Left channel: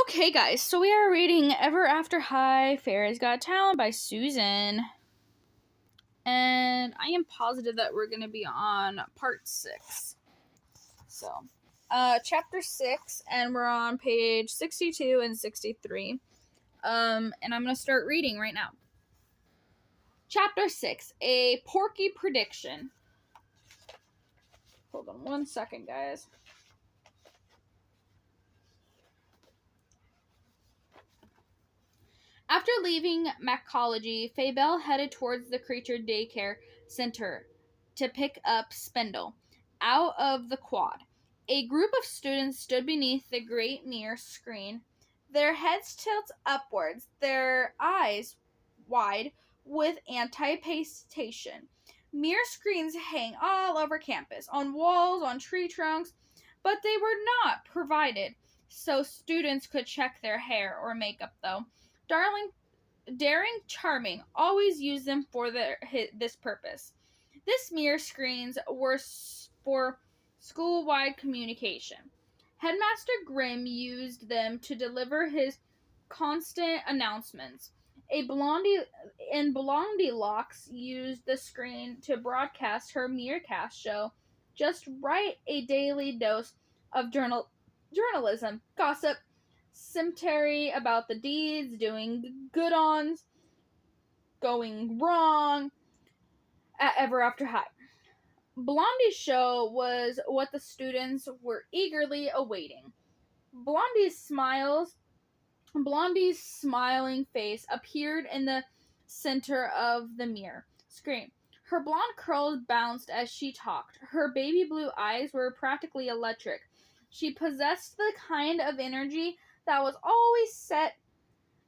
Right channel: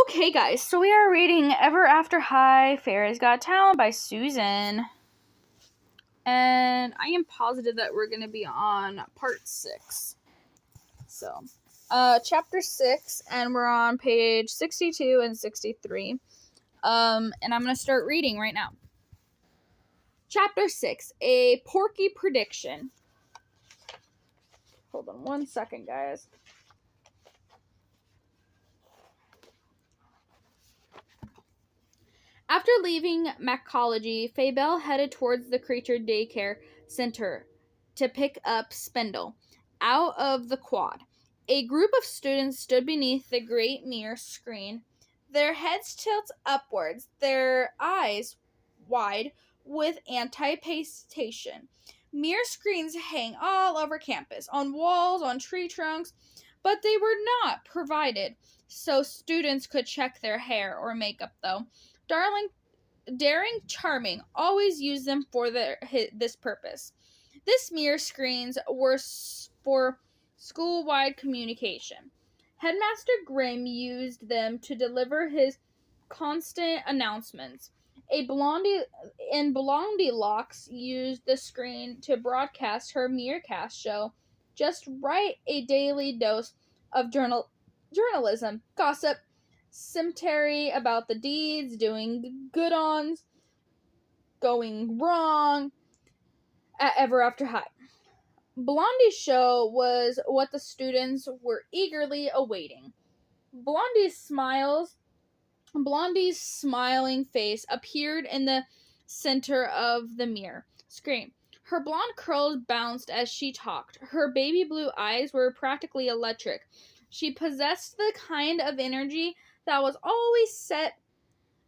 Okay, guys, so we are reading Ever After High, Fairy's Got Talent by Susanne. And I am positive that we're going to be on part 6. So, chapter 6, and we're on page 62 and 63. And I'm going to start reading right now. Chapter 6, A Porky Prediction. Hold on one second, guys. After leaving Macology, Fabel headed towards the creature daycare center to pick up Spindle out of the quad. A group of students stood beneath the great mirror screen, their heads tilted upwards, their eyes wide with anticipation. Mirror screens hang all over campus, on walls, on tree trunks, but they were not provided so students could check their hair or makeup, though. Daring Charming always used them for this purpose. This mirror screens were for school-wide communication. Headmaster Grimm used them to deliver his constant announcements. Blondie Locks used the screen to broadcast her Mirrorcast show, Just Right, a daily dose of journalism, gossip, cemetery about the deeds, doing good ons, going wrong at Ever After High. Blondie's show was what the students were eagerly awaiting. Blondie's smiling face appeared in the center of the mirror screen. Her blonde curls bounced as she talked. Her baby blue eyes were practically electric. She possessed the kind of energy that was always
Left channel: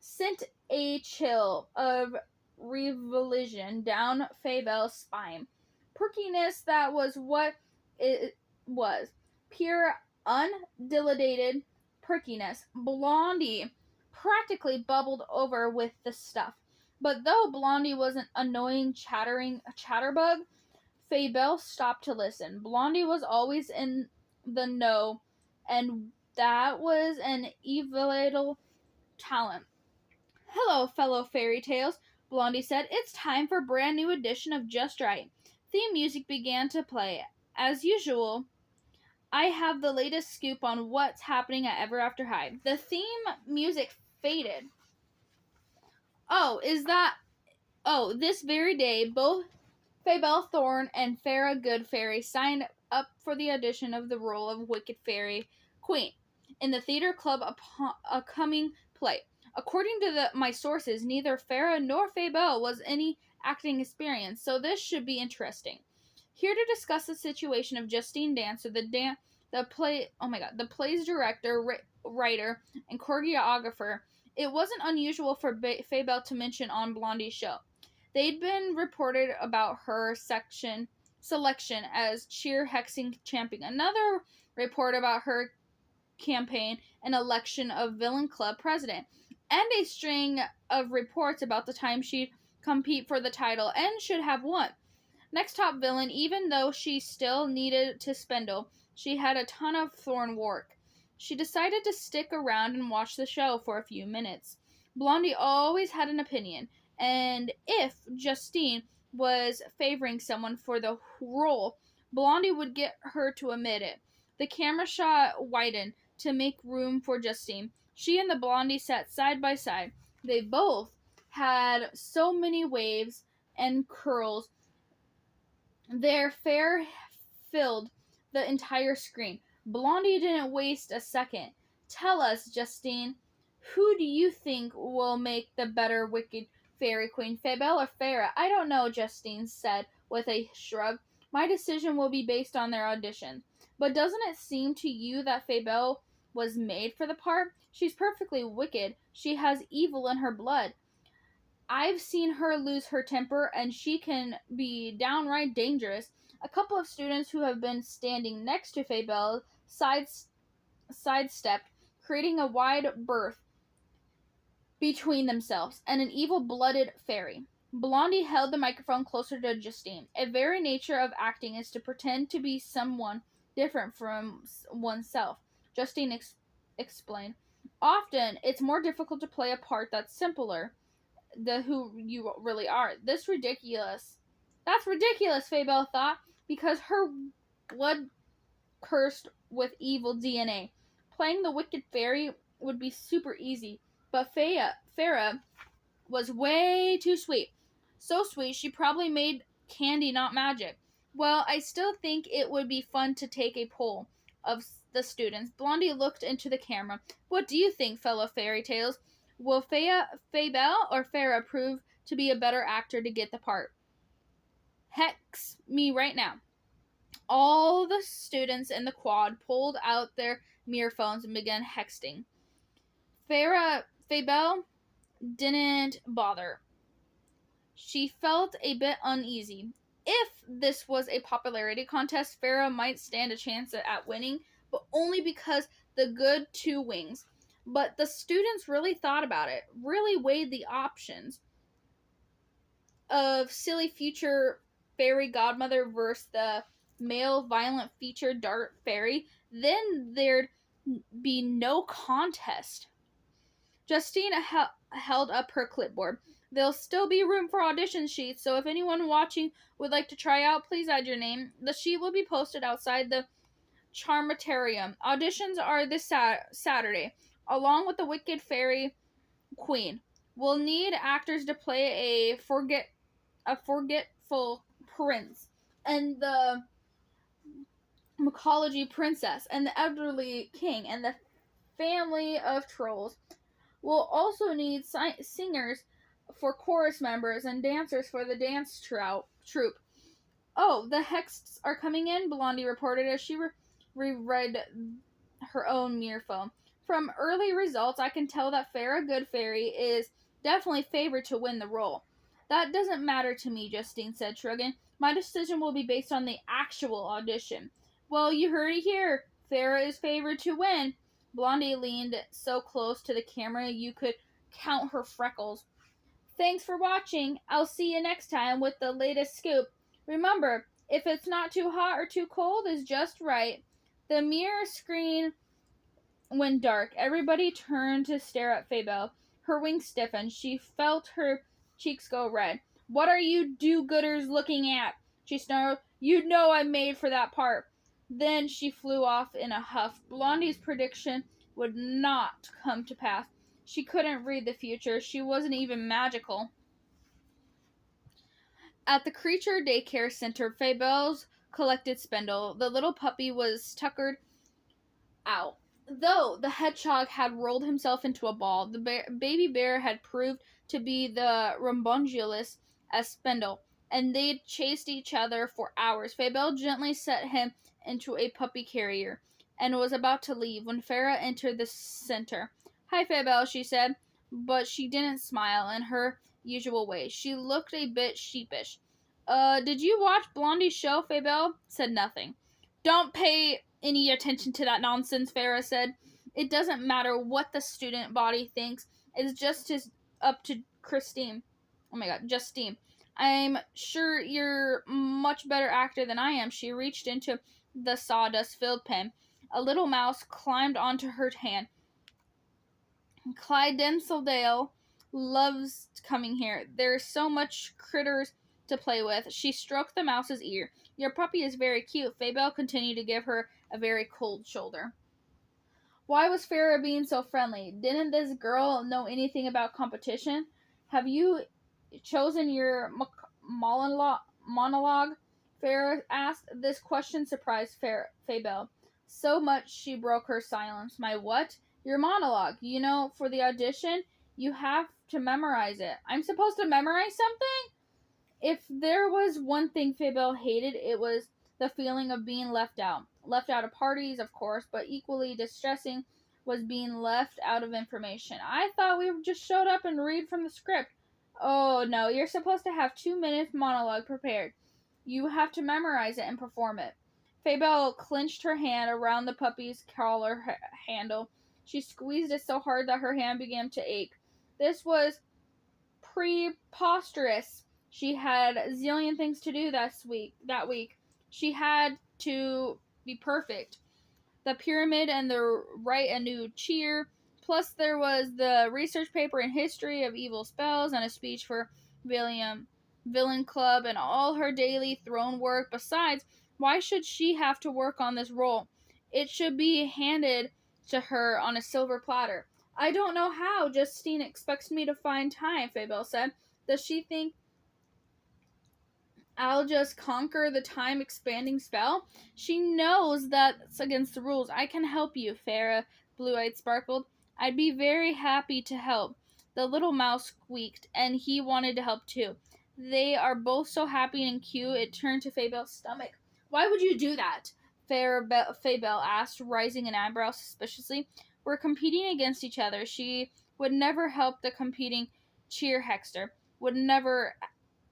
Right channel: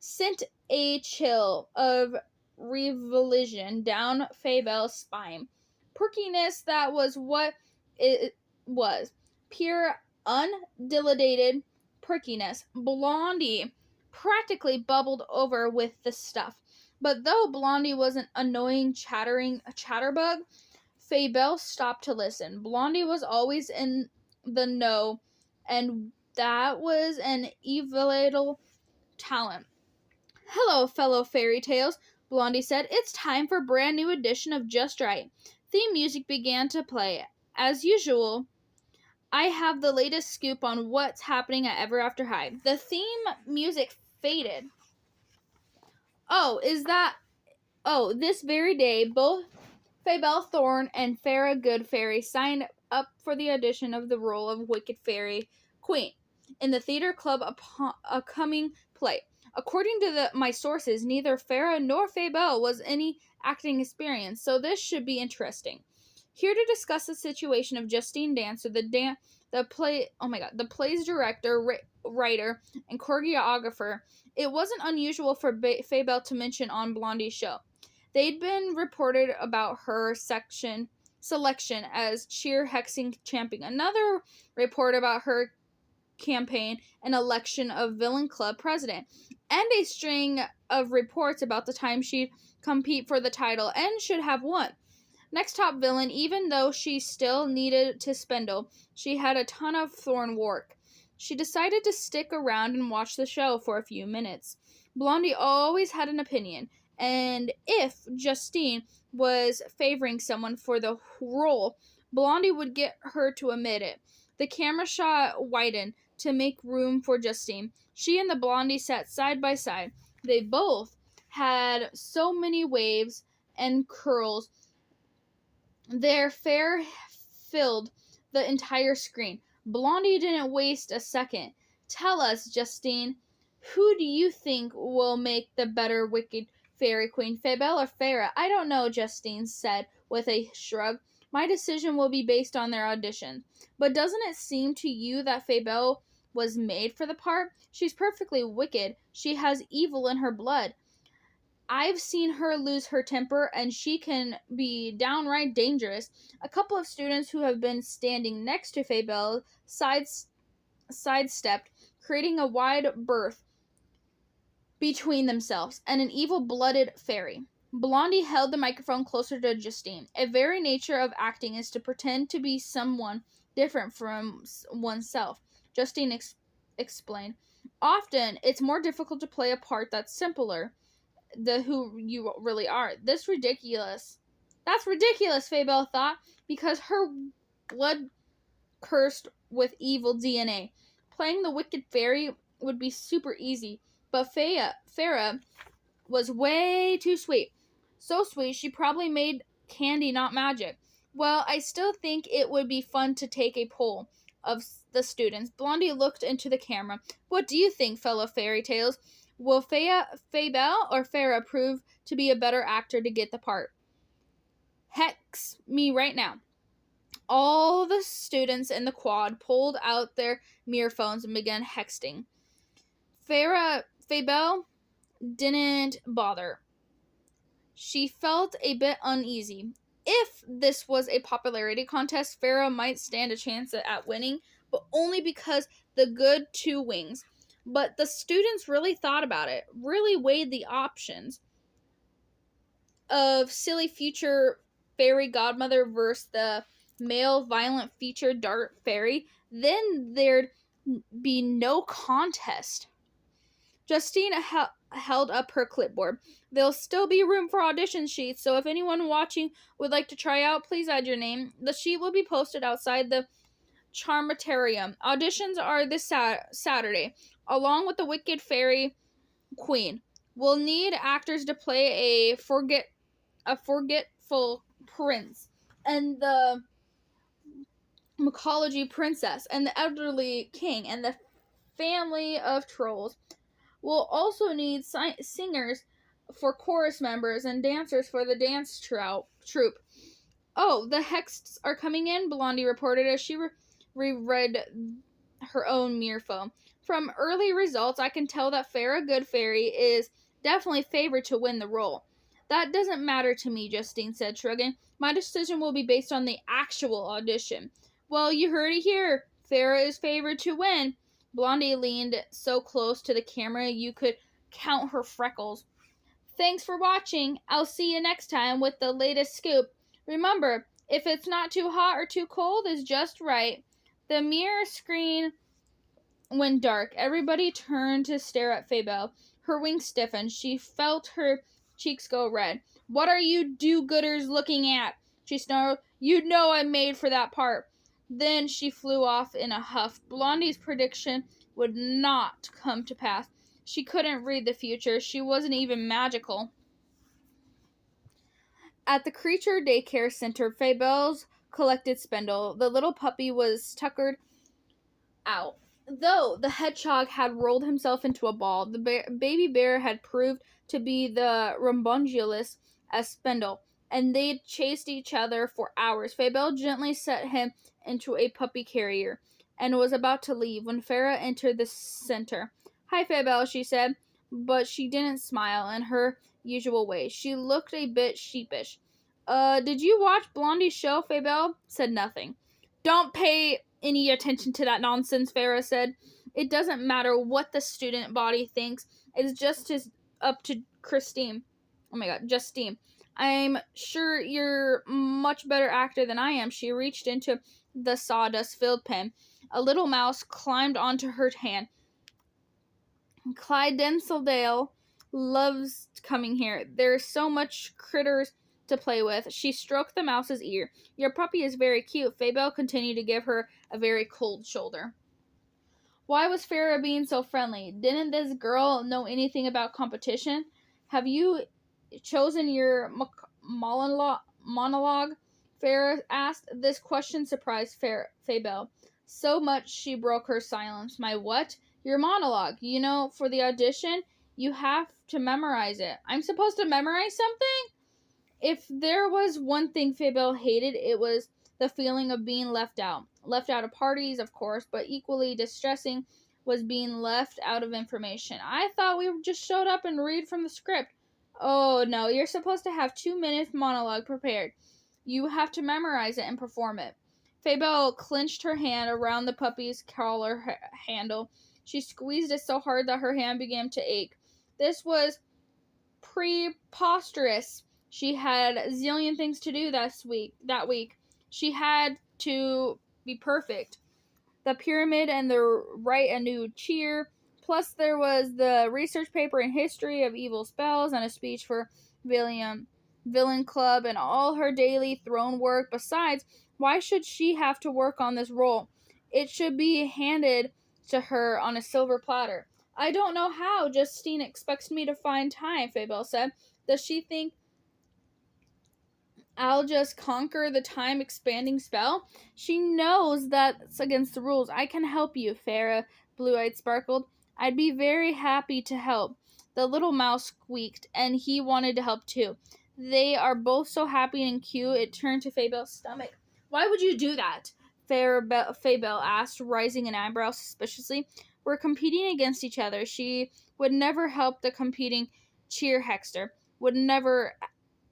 sent a chill of revulsion down Fabel's spine. Perkiness, that was what it was. Pure, undilated perkiness. Blondie practically bubbled over with the stuff. But though Blondie was an annoying chatterbug, Fabel stopped to listen. Blondie was always in the know, and that was an invaluable talent. "Hello, fellow fairy tales," Blondie said. "It's time for a brand new edition of Just Right." Theme music began to play. As usual, I have the latest scoop on what's happening at Ever After High. The theme music faded. This very day, both Fabel Thorne and Farrah Goodfairy signed up for the audition of the role of Wicked Fairy Queen in the theater club upcoming play. According to my sources, neither Farrah nor Fabel was any acting experience, so this should be interesting. Here to discuss the situation of Justine Dancer, the play's director, writer, and choreographer. It wasn't unusual for Fabel to mention on Blondie's show. They'd been reported about her selection as cheer hexing champion. Another report about her campaign and election of villain club president, and a string of reports about the time she'd compete for the title and should have won. Next top villain, even though she still needed to Spindle, she had a ton of thorn work. She decided to stick around and watch the show for a few minutes. Blondie always had an opinion, and if Justine was favoring someone for the role, Blondie would get her to admit it. The camera shot widened to make room for Justine. She and the Blondie sat side by side. They both had so many waves and curls. Their hair filled the entire screen. Blondie didn't waste a second. "Tell us, Justine, who do you think will make the better Wicked Fairy Queen, Fabel or Farrah?" "I don't know," Justine said with a shrug. "My decision will be based on their audition." "But doesn't it seem to you that Fabel was made for the part? She's perfectly wicked. She has evil in her blood. I've seen her lose her temper, and she can be downright dangerous." A couple of students who have been standing next to Fabel sidestepped, creating a wide berth between themselves and an evil-blooded fairy. Blondie held the microphone closer to Justine. "A very nature of acting is to pretend to be someone different from oneself," Justine explained. Often, it's more difficult to play a part that's simpler, the who you really are. That's ridiculous, Fabel thought, because her blood cursed with evil DNA. Playing the wicked fairy would be super easy, but Farah was way too sweet. So sweet, she probably made candy, not magic. Well, I still think it would be fun to take a poll of the students. Blondie looked into the camera. What do you think, fellow fairy tales? Will Fabel or Farah prove to be a better actor to get the part? Hex me right now. All the students in the quad pulled out their mirror phones and began hexting. Fabel didn't bother. She felt a bit uneasy. If this was a popularity contest, Farah might stand a chance at winning, but only because the good two wings. But the students really thought about it, really weighed the options of silly future fairy godmother versus the male violent feature dart fairy. Then there'd be no contest. Justine held up her clipboard. There'll still be room for audition sheets, so if anyone watching would like to try out, please add your name. The sheet will be posted outside the Charmatarium. Auditions are this Saturday, along with the Wicked Fairy Queen. We'll need actors to play a forgetful prince and the mycology princess and the elderly king and the family of trolls. We'll also need singers for chorus members and dancers for the dance troupe. Oh, the Hexts are coming in, Blondie reported as she reread her own mirror phone. From early results, I can tell that Farah Goodfairy is definitely favored to win the role. That doesn't matter to me, Justine said, shrugging. My decision will be based on the actual audition. Well, you heard it here. Farah is favored to win. Blondie leaned so close to the camera you could count her freckles. Thanks for watching. I'll see you next time with the latest scoop. Remember, if it's not too hot or too cold, it's just right. The mirror screen went dark. Everybody turned to stare at Fabel. Her wings stiffened. She felt her cheeks go red. What are you do-gooders looking at? She snarled. You know I'm made for that part. Then she flew off in a huff. Blondie's prediction would not come to pass. She couldn't read the future. She wasn't even magical. At the creature daycare center, Fabel's collected spindle. The little puppy was tuckered out. Though the hedgehog had rolled himself into a ball, the baby bear had proved to be the rambunculus as spindle, and they'd chased each other for hours. Fabel gently set him into a puppy carrier and was about to leave when Farah entered the center. Hi, Fabel, she said, but she didn't smile in her usual way. She looked a bit sheepish. Did you watch Blondie's show? Fabel said nothing. Don't pay any attention to that nonsense, Farah said. It doesn't matter what the student body thinks. It's just up to Justine. I'm sure you're much better actor than I am. She reached into the sawdust-filled pen. A little mouse climbed onto her hand. Clyde Denseldale loves coming here. There's so much critters to play with. She stroked the mouse's ear. Your puppy is very cute. Fabel continued to give her a very cold shoulder. Why was Farah being so friendly? Didn't this girl know anything about competition? Have you chosen your monologue? Farah asked. This question surprised Fabel so much she broke her silence. My what? Your monologue. You know, for the audition, you have to memorize it. I'm supposed to memorize something? If there was one thing Fabel hated, it was the feeling of being left out. Left out of parties, of course, but equally distressing was being left out of information. I thought we just showed up and read from the script. Oh, no, you're supposed to have 2 minutes monologue prepared. You have to memorize it and perform it. Fabel clenched her hand around the puppy's collar handle. She squeezed it so hard that her hand began to ache. This was preposterous. She had a zillion things to do that week. She had to be perfect. The pyramid and the write a new cheer Plus, there was the research paper in history of evil spells and a speech for Villain Club and all her daily throne work. Besides, why should she have to work on this role? It should be handed to her on a silver platter. I don't know how Justine expects me to find time, Fabel said. Does she think I'll just conquer the time expanding spell? She knows that's against the rules. I can help you, Farah, Blue Eyed sparkled. I'd be very happy to help. The little mouse squeaked, and he wanted to help too. They are both so happy and cute, it turned to Fabel's stomach. Why would you do that? Fabel asked, raising an eyebrow suspiciously. We're competing against each other. She would never help the competing cheer hexter. Would never,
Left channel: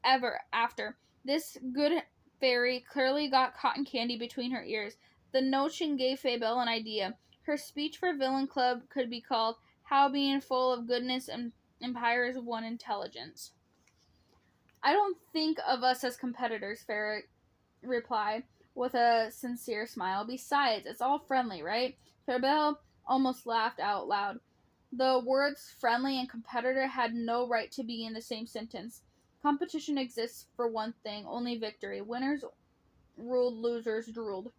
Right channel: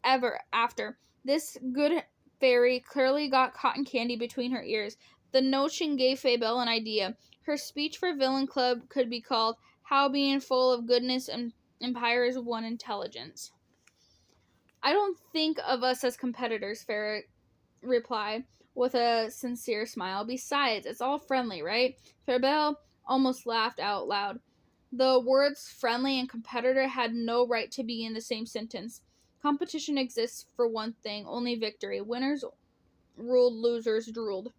ever after. This good fairy clearly got cotton candy between her ears. The notion gave Fabel an idea. Her speech for Villain Club could be called How Being Full of Goodness and Empowers One Intelligence. I don't think of us as competitors, Farah replied with a sincere smile. Besides, it's all friendly, right? Fabel almost laughed out loud. The words friendly and competitor had no right to be in the same sentence. Competition exists for one thing, only victory. Winners ruled, losers drooled.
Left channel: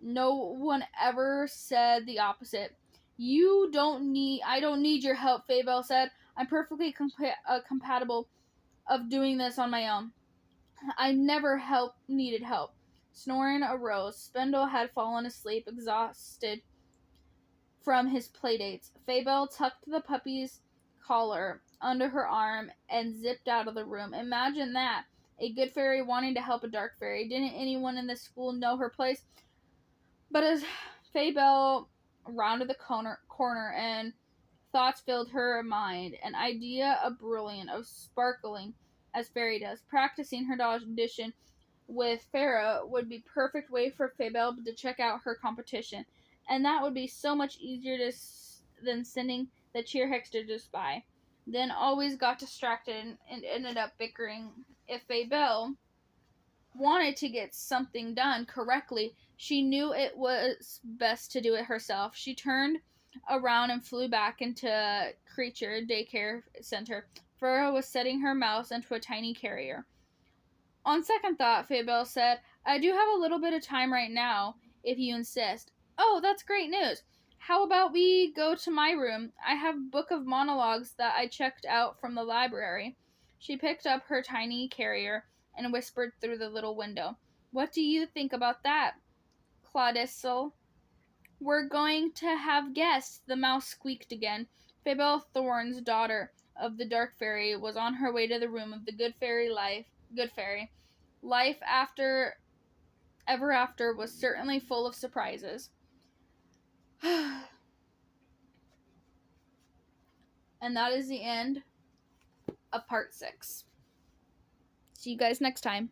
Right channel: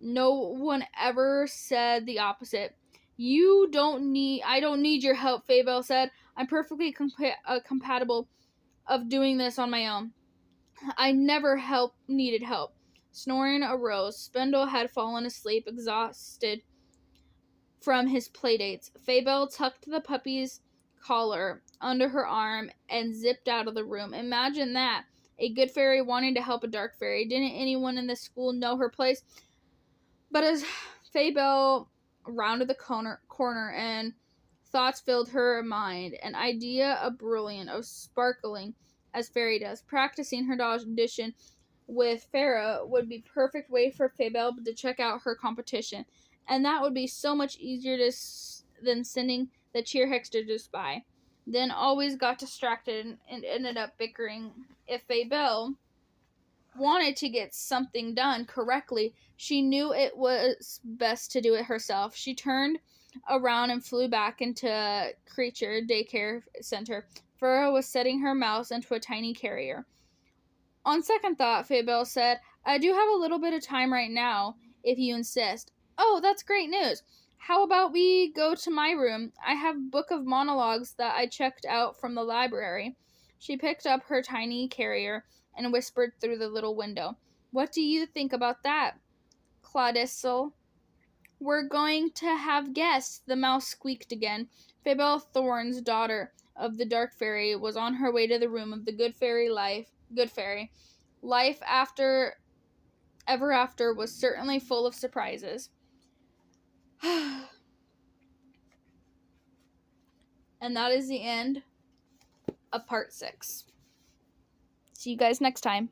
No one ever said the opposite. I don't need your help, Fabel said. I'm perfectly compatible of doing this on my own. I never needed help. Snoring arose. Spindle had fallen asleep, exhausted from his playdates. Fabel tucked the puppy's collar under her arm and zipped out of the room. Imagine that. A good fairy wanting to help a dark fairy. Didn't anyone in the school know her place? But as Fabel rounded the corner and thoughts filled her mind, an idea of brilliant, of sparkling as fairy does. Practicing her audition with Farah would be perfect way for Fabel to check out her competition, and that would be so much easier than sending the cheer hexter just by. Then always got distracted and ended up bickering. If Fabel wanted to get something done correctly, she knew it was best to do it herself. She turned around and flew back into Creature Daycare Center. Farah was setting her mouse into a tiny carrier. On second thought, Fabel said, I do have a little bit of time right now, if you insist. Oh, that's great news. How about we go to my room? I have a book of monologues that I checked out from the library. She picked up her tiny carrier and whispered through the little window. What do you think about that, Claudicel? We're going to have guests, the mouse squeaked again. Fabel Thorne's daughter of the Dark Fairy was on her way to the room of the Good Fairy. Life after ever after was certainly full of surprises. And that is the end of part 6. See you guys next time.